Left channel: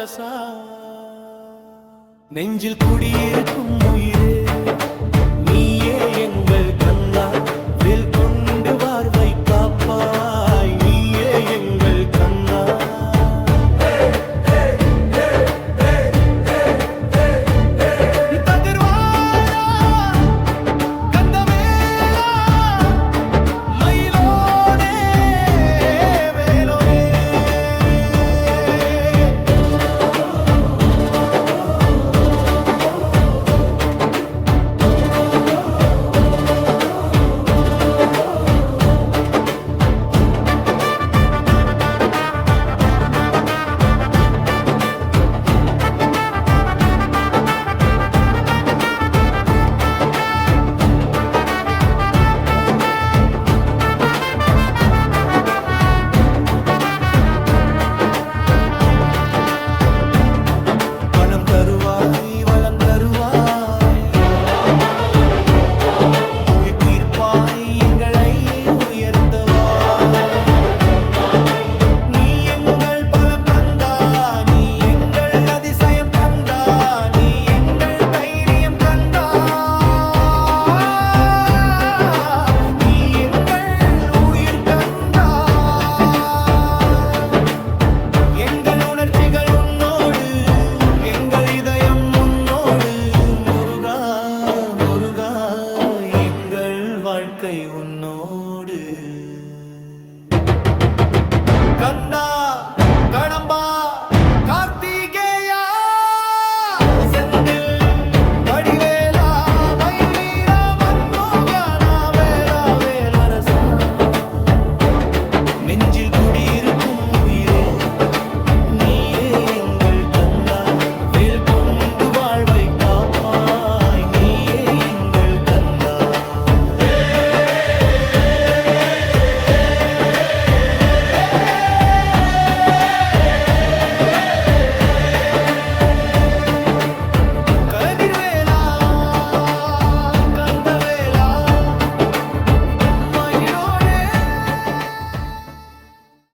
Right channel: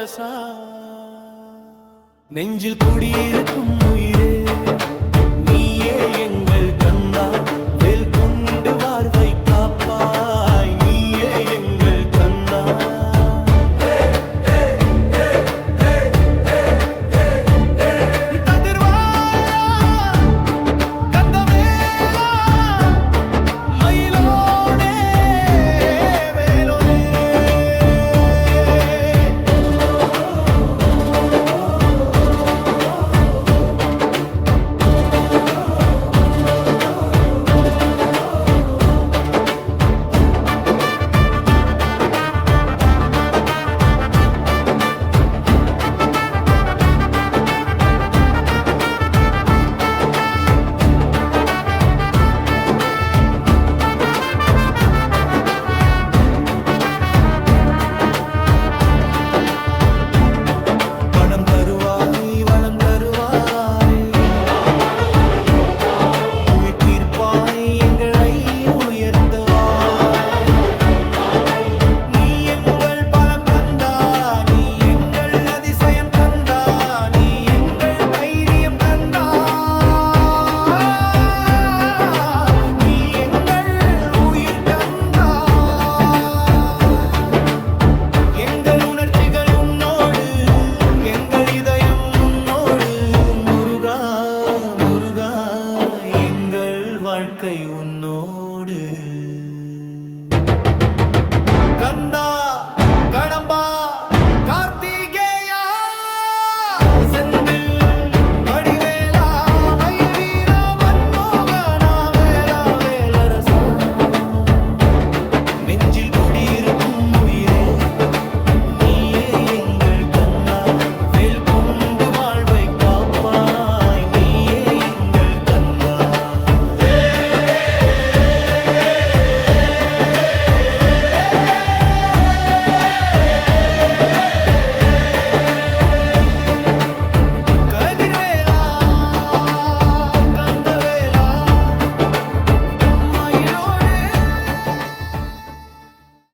வேலரசா நெஞ்சில் குடியிருக்கும் உயிரே நீயே எங்கள் கந்தா வேல் கொண்டு வாழ்வை காப்பாய் நீயே எங்கள் கந்தா வளம் தருவாய் உயிர் தீர்ப்பாய் எங்களை உயர்த்தவாய் நீ எங்கள் பலம் கந்தா நீ எங்கள் அதிசயம் கந்தா நீ எங்கள் தைரியம் கந்தா நீ எங்கள் உயிர் கந்தா எங்கள் உணர்ச்சிகள் உன்னோடு எங்கள் இதயம் உன்னோடு முருகா முருகா எங்கள் வாழ்க்கை உன்னோடு கந்தா கடம்பா கார்த்திகேயா செந்தில் வடிவேலா மயில் வீரா மன்மோகனா வேலா வேலரசா நெஞ்சில் குடியிருக்கும் உயிர்